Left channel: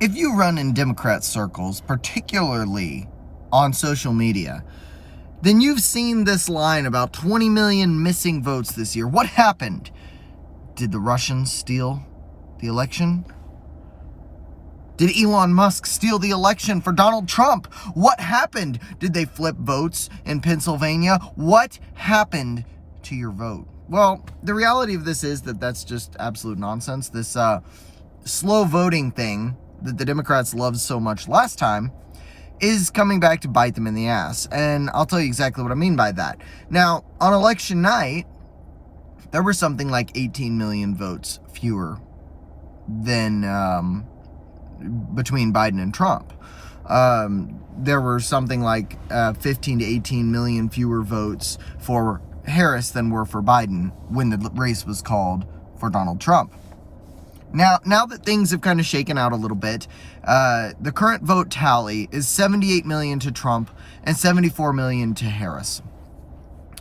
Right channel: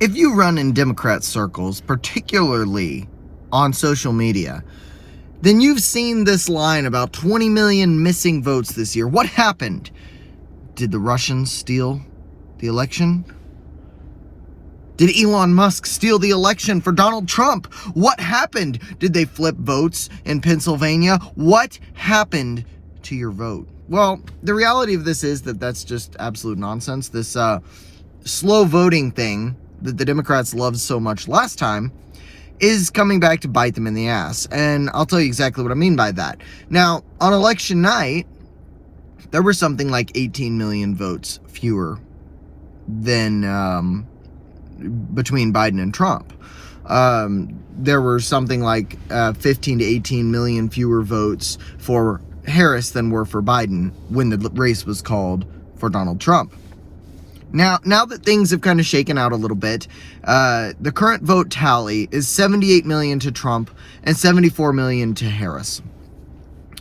If you run in Democrat circles, particularly on social media, then you've seen this line about 20 million missing votes this year. What happened? Did the Russians steal the election? Did Elon Musk steal the election for Donald Trump? What happened? Did they flip votes in Pennsylvania? What happened to your vote? Well, the reality of this is that that's just absolute nonsense. This slow voting thing that the Democrats loved so much last time is coming back to bite them in the ass. And I'll tell you exactly what I mean by that. Now, on election night, there were something like 18 million votes fewer than between Biden and Trump. There were something like 15 to 18 million fewer votes for Harris than were for Biden when the race was called for Donald Trump. Now that things have kind of shaken out a little bit, the current vote tally is 78 million to Trump and 74 million to Harris.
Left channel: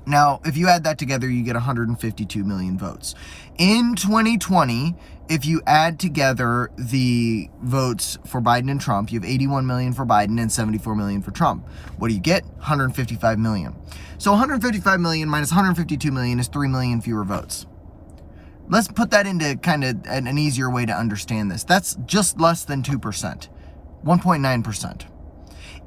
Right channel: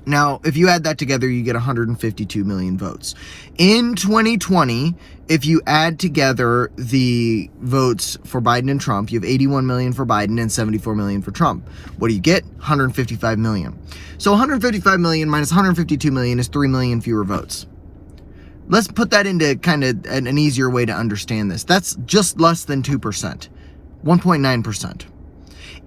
Now, if you add that together, you get 152 million votes. In 2020, if you add together the votes for Biden and Trump, you have 81 million for Biden and 74 million for Trump. What do you get? 155 million. So 155 million minus 152 million is 3 million fewer votes. Let's put that into kind of an easier way to understand this. That's just less than 2%, 1.9%.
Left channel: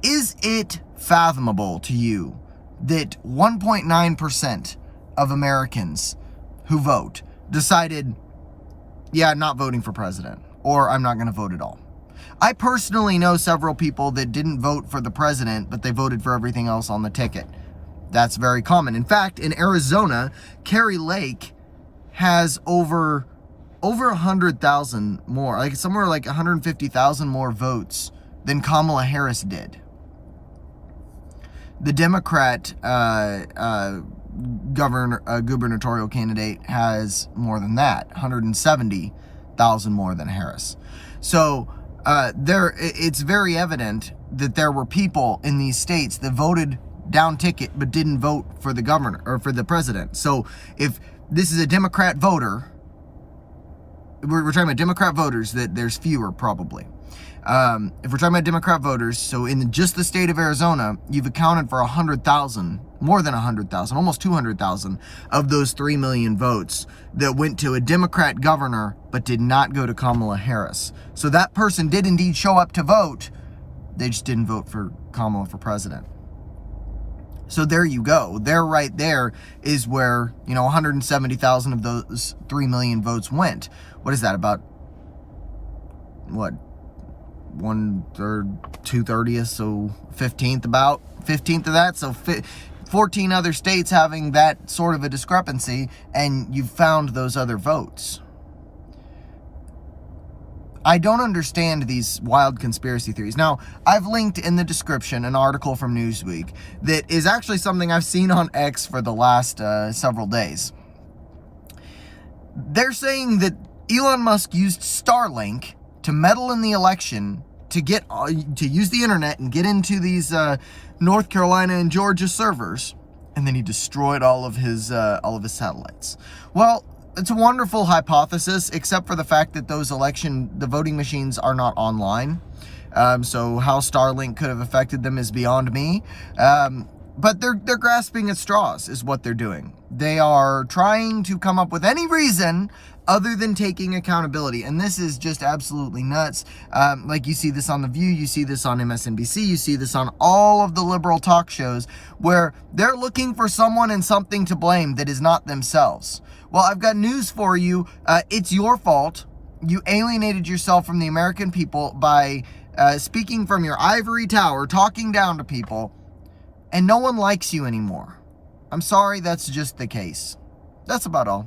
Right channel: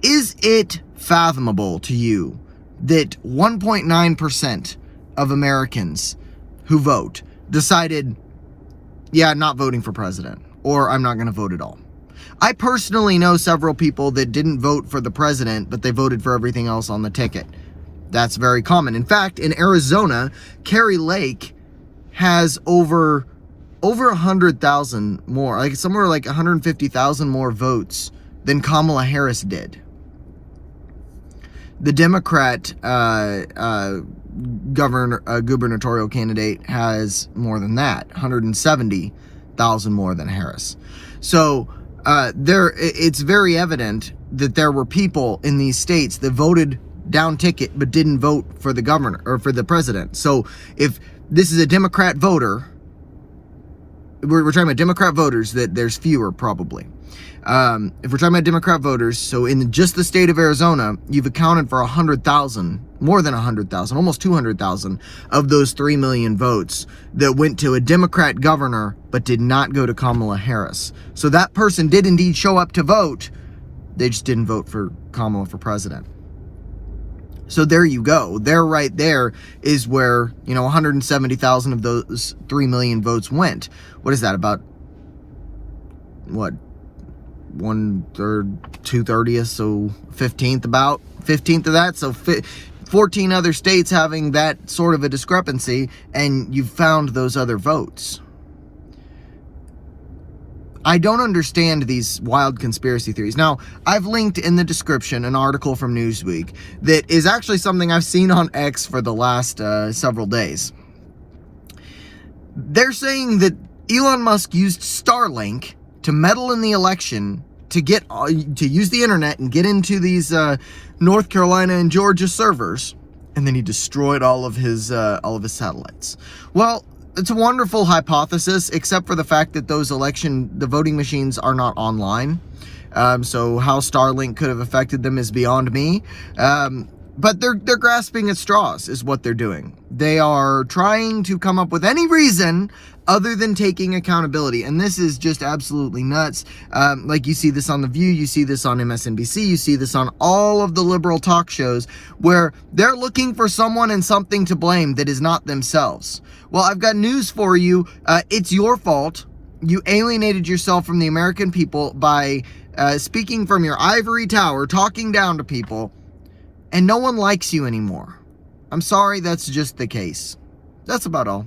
Is it fathomable to you that 1.9% of Americans who vote decided, yeah, not voting for president, or I'm not going to vote at all? I personally know several people that didn't vote for the president, but they voted for everything else on the ticket. That's very common. In fact, in Arizona, Kari Lake has over 100,000 more, like somewhere like 150,000 more votes than Kamala Harris did. The Democrat gubernatorial candidate has more than that, 170,000 more than Harris. So it's very evident that there were people in these states that voted down ticket but didn't vote for the governor or for the president. So if this is a Democrat voter, we're talking about Democrat voters, that there's fewer probably. If we're talking about Democrat voters, so in just the state of Arizona, you've accounted for 100,000, more than 100,000, almost 200,000 of those 3 million votes that went to a Democrat governor but did not go to Kamala Harris. So that person did indeed show up to vote. They just didn't vote for Kamala for president. So there you go. There, right there is where, 170,000 of those 3 million votes went. What is that? About, what? 1/3, 2/30, so 15th of that. So 14 other states having that sort of a discrepancy, and you've found those other votes. I don't understand these wild conspiracy theories. Now, I've linked in the description an article from Newsweek that is actually something I've seen on X for the last several days. They're saying that Elon Musk used StarLink to meddle in the election, to use the internet and get into these North Carolina and Georgia servers, and then he destroyed all of his satellites. Well, it's a wonderful hypothesis, except for the fact that the voting machines are not online. So how StarLink could have affected them is beyond me. But they're grasping at straws is what they're doing. They are trying to come up with any reason other than taking accountability. And this is just absolutely nuts. Like you see this on The View, you see this on MSNBC, you see this on all of the liberal talk shows where they're looking for someone and something to blame that is not themselves. Well, I've got news for you. It's your fault. You alienated yourself from the American people by speaking from your ivory tower, talking down to people, and no one likes you anymore. I'm sorry, that's just the case. That's about all.